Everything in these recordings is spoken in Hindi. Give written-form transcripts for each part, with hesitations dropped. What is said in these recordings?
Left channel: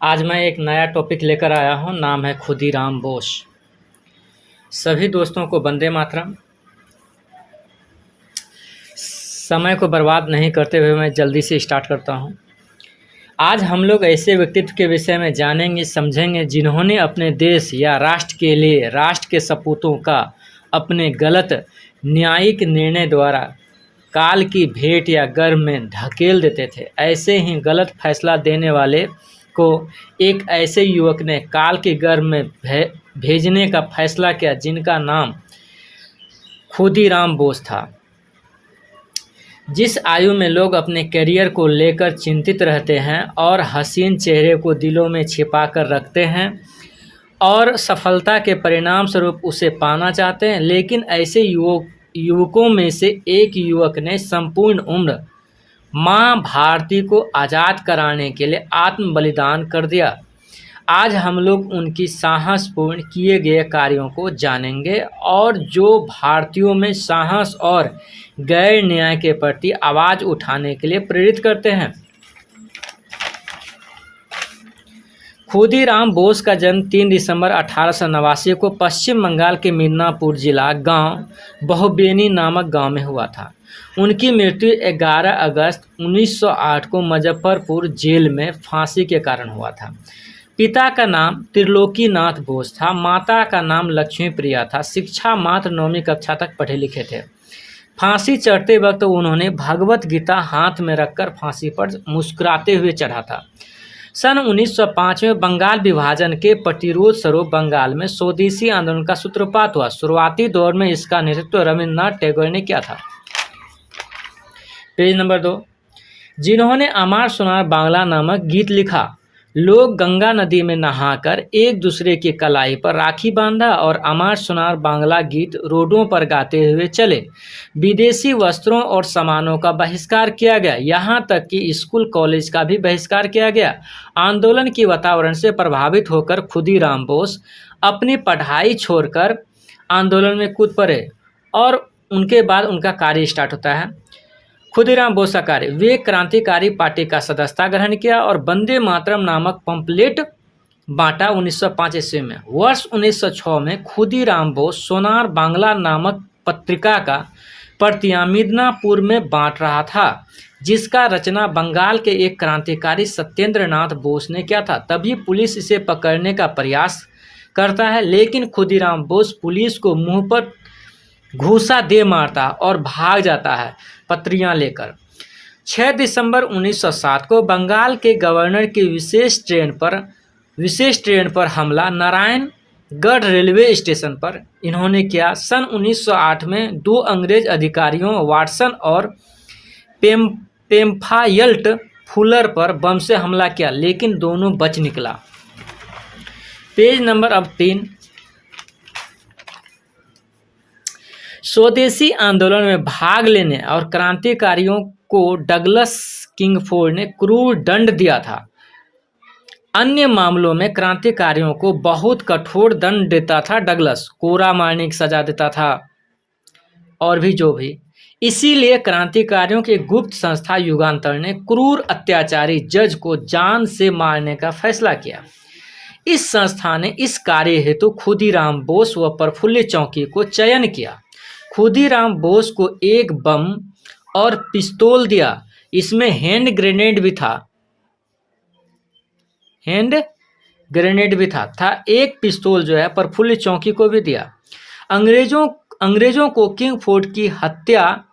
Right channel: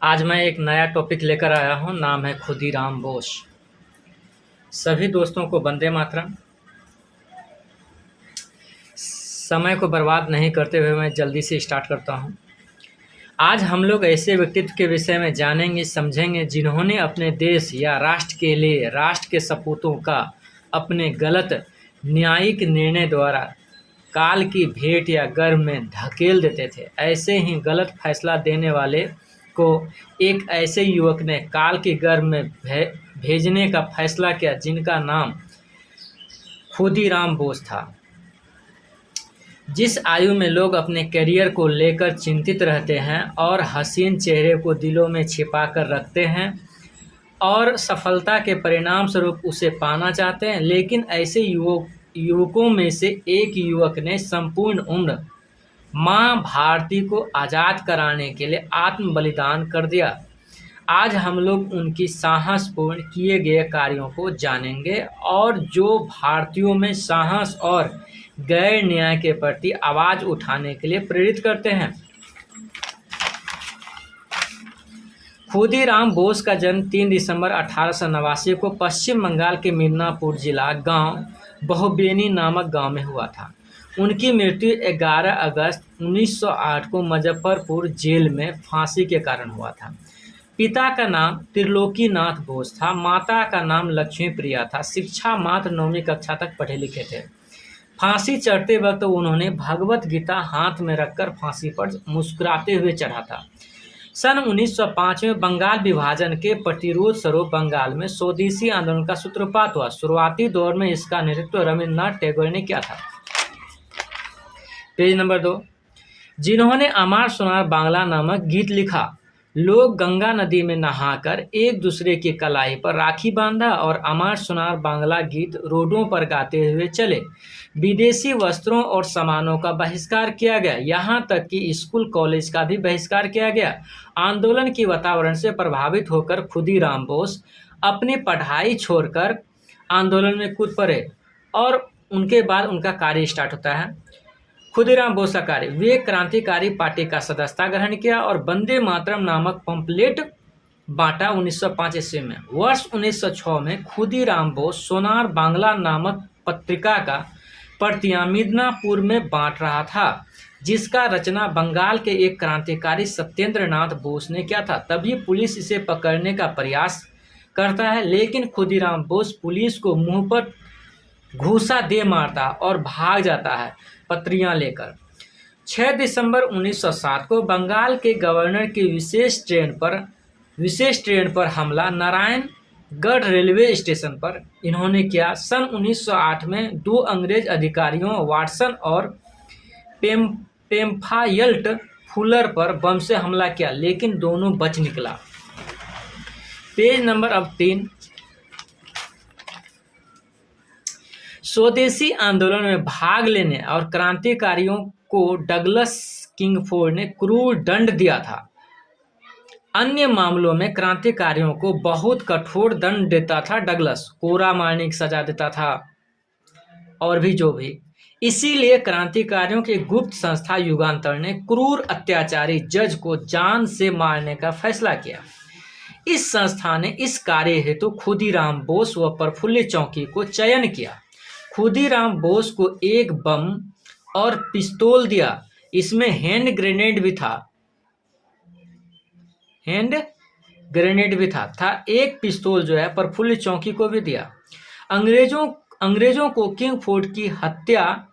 आज मैं एक नया टॉपिक लेकर आया हूँ। नाम है खुदीराम बोस। सभी दोस्तों को वंदे मातरम। समय को बर्बाद नहीं करते हुए मैं जल्दी से स्टार्ट करता हूँ। आज हम लोग ऐसे व्यक्तित्व के विषय में जानेंगे, समझेंगे जिन्होंने अपने देश या राष्ट्र के लिए राष्ट्र के सपूतों का अपने गलत न्यायिक निर्णय द्वारा काल की भेंट या गर्भ में धकेल देते थे। ऐसे ही गलत फैसला देने वाले को एक ऐसे युवक ने काल के गर्भ में भेजने का फैसला किया जिनका नाम खुदीराम बोस था। जिस आयु में लोग अपने करियर को लेकर चिंतित रहते हैं और हसीन चेहरे को दिलों में छिपा कर रखते हैं और सफलता के परिणाम स्वरूप उसे पाना चाहते हैं, लेकिन ऐसे युवकों में से एक युवक ने संपूर्ण उम्र माँ भारती को आज़ाद कराने के लिए आत्म बलिदान कर दिया। आज हम लोग उनकी साहसपूर्ण किए गए कार्यों को जानेंगे और जो भारतीयों में साहस और गैर न्याय के प्रति आवाज़ उठाने के लिए प्रेरित करते हैं। खुदीराम बोस का जन्म 3 दिसंबर 1889 को पश्चिम बंगाल के मिदनापुर जिला गांव बहुबेनी नामक गांव में हुआ था। उनकी मृत्यु 11 अगस्त 1908 को मुजफ्फरपुर जेल में फांसी के कारण हुआ था। पिता का नाम त्रिलोकीनाथ बोस था, माता का नाम लक्ष्मी प्रिया था। शिक्षा मात्र 9वीं कक्षा तक पढ़े लिखे थे। फांसी चढ़ते वक्त उन्होंने भगवत गीता हाथ में रखकर फांसी पर मुस्कुराते हुए चढ़ा था। सन 1905 में बंगाल विभाजन के प्रतिरोध स्वरूप बंगाल में स्वदेशी आंदोलन का सूत्रपात हुआ। शुरुआती दौर में इसका नेतृत्व रविन्द्रनाथ टैगोर ने किया था। पेज नंबर 2, जिन्होंने अमार सोनार बांग्ला नामक गीत लिखा। लोग गंगा नदी में नहाकर एक दूसरे की कलाई पर राखी बांधा और अमार सोनार बांग्ला गीत रोडों पर गाते हुए चले। विदेशी वस्त्रों और सामानों का बहिष्कार किया गया, यहाँ तक कि स्कूल कॉलेज का भी बहिष्कार किया गया। आंदोलन के वातावरण से प्रभावित होकर खुदीराम बोस अपनी पढ़ाई छोड़कर आंदोलन में कूद पड़े और उनके बाद उनका कार्य स्टार्ट होता है। खुदीराम बोस का कार्य, वे क्रांतिकारी पार्टी का सदस्यता ग्रहण किया और वंदे मातरम नामक पंपलेट बांटा 1905 ईस्वी में। वर्ष 1906 में खुदीराम बोस सोनार बांग्ला नामक पत्रिका का प्रतियां मिदनापुर में बांट रहा था, जिसका रचना बंगाल के एक क्रांतिकारी सत्येंद्र नाथ बोस ने किया था। तभी पुलिस इसे पकड़ने का प्रयास करता है, लेकिन खुदीराम बोस पुलिस को मुंह पर घूसा दे मारता और भाग जाता है पत्रियां लेकर। 6 दिसंबर 1907 को बंगाल के गवर्नर की विशेष ट्रेन पर हमला नारायणगढ़ रेलवे स्टेशन पर इन्होंने किया। सन 1908 में 2 अंग्रेज अधिकारियों वाटसन और पेम्फायल्ट फुलर पर बम से हमला किया, लेकिन दोनों बच निकला। पेज नंबर अब 3, स्वदेशी आंदोलन में भाग लेने और क्रांतिकारियों को डगलस किंगफोर्ड ने क्रूर दंड दिया था। अन्य मामलों में क्रांतिकारियों को बहुत कठोर दंड देता था डगलस, कोड़ा मारने की सजा देता था और भी जो भी। इसीलिए क्रांतिकारियों की गुप्त संस्था युगांतर ने क्रूर अत्याचारी जज को जान से मारने का फैसला किया। इस संस्था ने इस कार्य हेतु खुदीराम बोस व प्रफुल्ल चौकी को चयन किया। खुदीराम बोस को एक बम और पिस्तौल दिया, इसमें हैंड ग्रेनेड भी था। एक पिस्तौल जो है प्रफुल्ल चौकी को भी दिया। अंग्रेजों को किंगफोर्ड की हत्या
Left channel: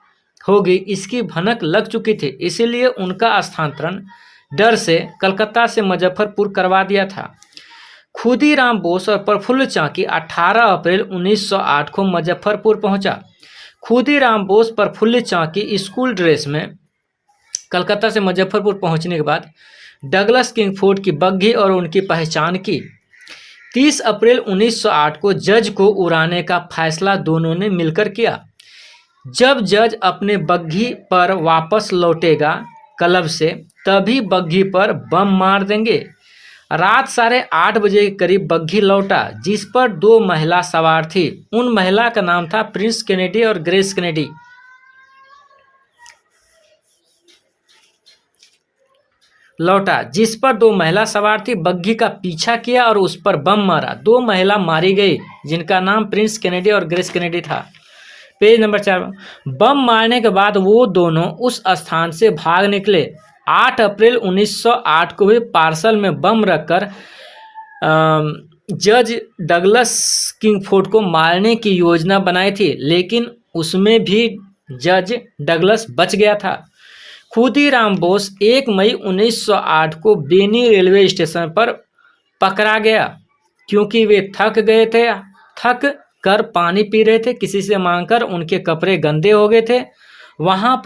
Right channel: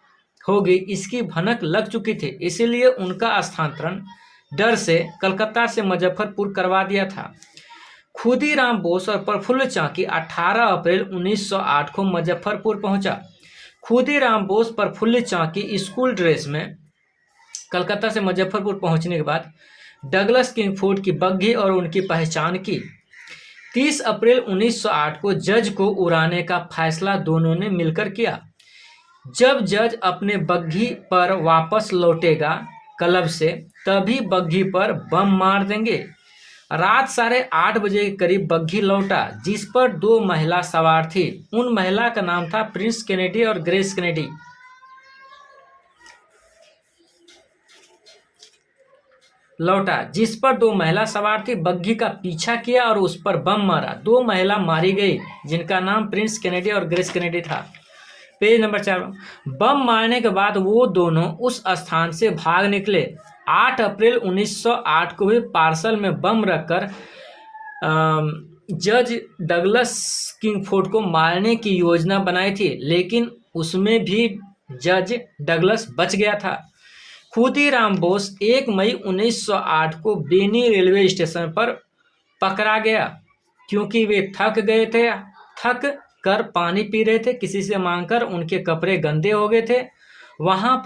होगी इसकी भनक लग चुकी थी, इसीलिए उनका स्थानांतरण डर से कलकत्ता से मुजफ्फरपुर करवा दिया था। खुदीराम बोस और प्रफुल्ल चौकी 18 अप्रैल 1908 को मुजफ्फरपुर पहुंचा। खुदीराम बोस प्रफुल्ल चौकी स्कूल ड्रेस में कलकत्ता से मुजफ्फरपुर पहुंचने के बाद डगलस किंगफोर्ड की बग्घी और उनकी पहचान की। 30 अप्रैल 1908 को जज को उड़ाने का फैसला दोनों ने मिलकर किया। जब जज अपने बग्घी पर वापस लौटेगा क्लब से, तभी बग्घी पर बम मार देंगे। रात 8:30 बजे के करीब बग्घी लौटा, जिस पर 2 महिला सवार थी। उन महिला का नाम था प्रिंस कैनेडी और ग्रेस कैनेडी। लौटा जिस पर 2 महिला सवार थी। बग्घी का पीछा किया और उस पर बम मारा। 2 महिला मारी गई जिनका नाम प्रिंस केनेडी और ग्रेस केनेडी था। Page number 4। बम मारने के बाद वो दोनों उस स्थान से भाग निकले। 8 अप्रैल 1908 को भी पार्सल में बम रखकर जज डगलस किंगफोर्ड को मारने की योजना बनाई थी, लेकिन उसमें भी जज डगलस बच गया था। खुदीराम बोस 1 मई 1908 को बेनी रेलवे स्टेशन पर पकड़ा गया क्योंकि वे थक गए थे, थक कर पानी पी रहे थे, किसी से मांगकर। उनके कपड़े गंदे हो गए थे। वहाँ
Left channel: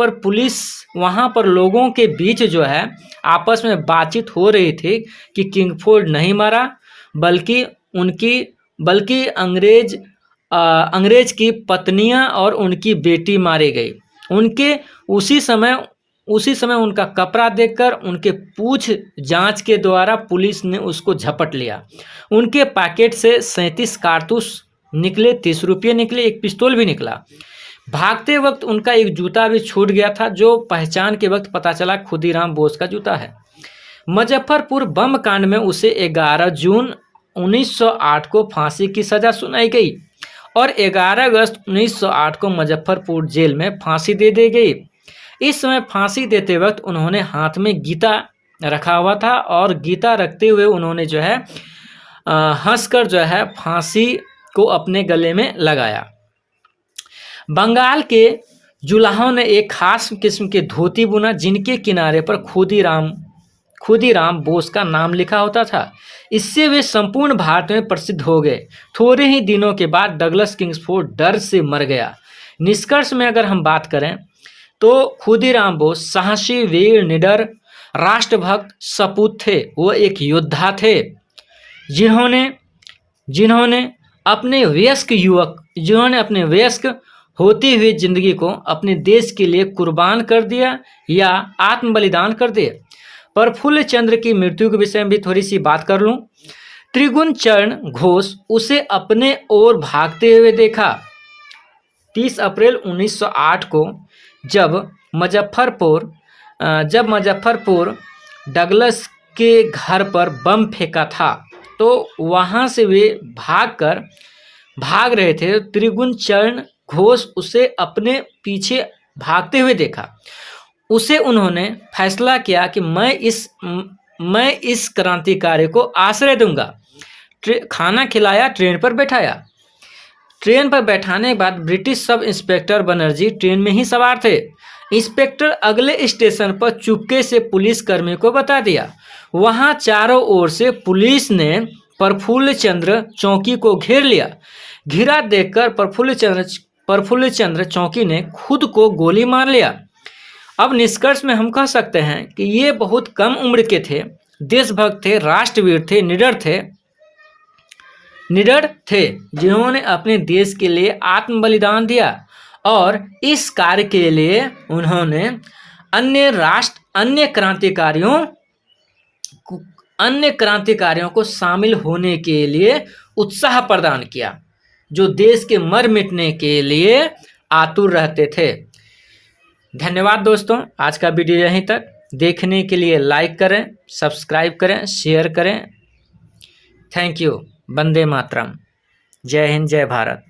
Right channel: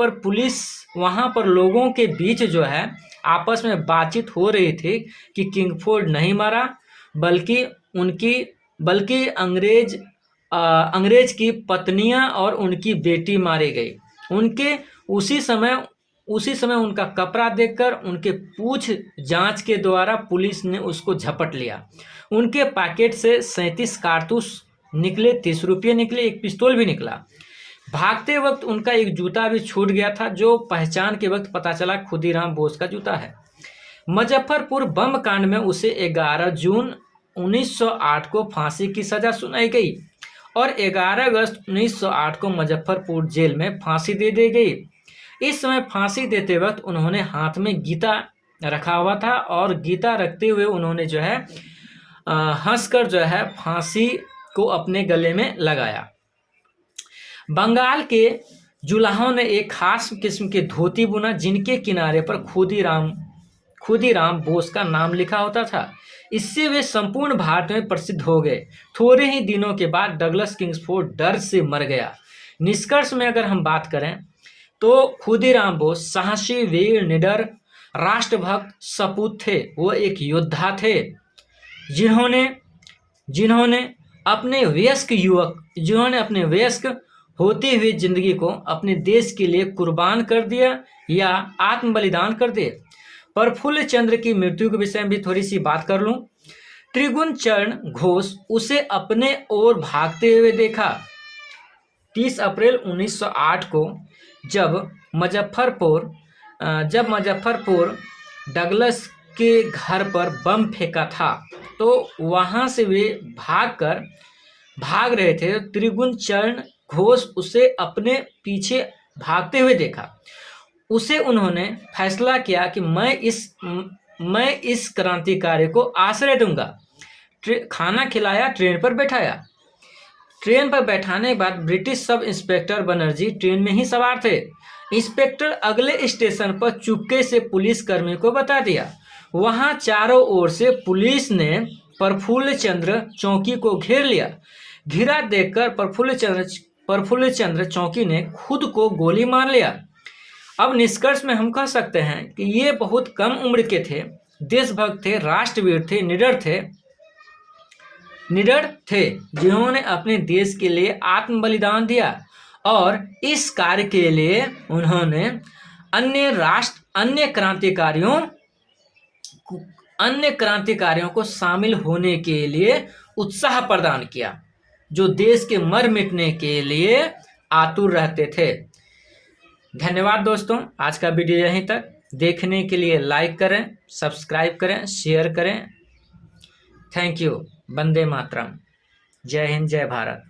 पर लोगों के बीच जो है आपस में बातचीत हो रही थी कि किंगफोर्ड नहीं मरा, बल्कि अंग्रेज की पत्नियां और उनकी बेटी मारी गई। उसी समय उनका कपड़ा देखकर उनके पूछ जांच के द्वारा पुलिस ने उसको झपट लिया। उनके पैकेट से 37 कारतूस निकले, 30 रुपये निकले, एक पिस्तौल भी निकला। भागते वक्त उनका एक जूता भी छूट गया था, जो पहचान के वक्त पता चला खुदीराम बोस का जूता है। मुजफ्फरपुर बम कांड में उसे 11 जून 1908 को फांसी की सजा सुनाई गई और 11 अगस्त 1908 को मुजफ्फरपुर जेल में फांसी दे दी गई। इस समय फांसी देते वक्त उन्होंने हाथ में गीता रखा हुआ था और गीता रखते हुए उन्होंने जो है हंसकर जो है फांसी को अपने गले में लगाया। बंगाल के जुलाहों ने एक खास किस्म के धोती बुना जिनके किनारे पर खुदीराम बोस का नाम लिखा होता था। इससे वे संपूर्ण भारत में प्रसिद्ध हो गए। थोड़े ही दिनों के बाद डगलस किंग्सफोर्ड डर से मर गया। निष्कर्ष में अगर हम बात करें तो खुदीराम बोस साहसी, वीर, निडर, राष्ट्रभक्त सपूत थे। वो एक योद्धा थे जिन्होंने अपने वयस्क होती हुई जिंदगी को अपने देश के लिए कुर्बान कर दिया या आत्म बलिदान कर दिए। प्रफुल्ल चंद्र की मृत्यु के विषय में भी थोड़ी सी बात कर लूं। त्रिगुण चरण घोष उसे अपने ओर भागते हुए देखा। 30 अप्रैल 1908 को जब मुजफ्फरपुर डगलस के घर पर बम फेंका था तो वहां से वे भाग रहे थे। त्रिगुण चरण घोष उसे अपने पीछे भागते हुए देखा। उसे उन्होंने फैसला किया कि मैं इस क्रांतिकारी को आश्रय दूंगा। खाना खिलाया, ट्रेन पर बैठाया। ट्रेन पर बैठाने के बाद British sub inspector Banerjee train में ही सवार थे। इंस्पेक्टर अगले स्टेशन पर चुपके से पुलिस कर्मी को बता दिया। वहां चारों ओर से पुलिस ने प्रफुल्ल चंद्र चौकी को घेर लिया। घिरा देखकर प्रफुल्ल चंद्र चौकी ने खुद को गोली मार लिया। अब निष्कर्ष में हम कह सकते हैं कि ये बहुत कम उम्र के थे, देशभक्त थे, राष्ट्रवीर थे, निडर थे जिन्होंने अपने देश के लिए आत्म बलिदान दिया और इस कार्य के लिए उन्होंने अन्य क्रांतिकारियों को शामिल होने के लिए उत्साह प्रदान किया, जो देश के मर मिटने के लिए आतुर रहते थे। धन्यवाद दोस्तों, आज का वीडियो यहीं तक। देखने के लिए लाइक करें, सब्सक्राइब करें, शेयर करें। Thank you. वंदे मातरम। जय हिंद, जय भारत।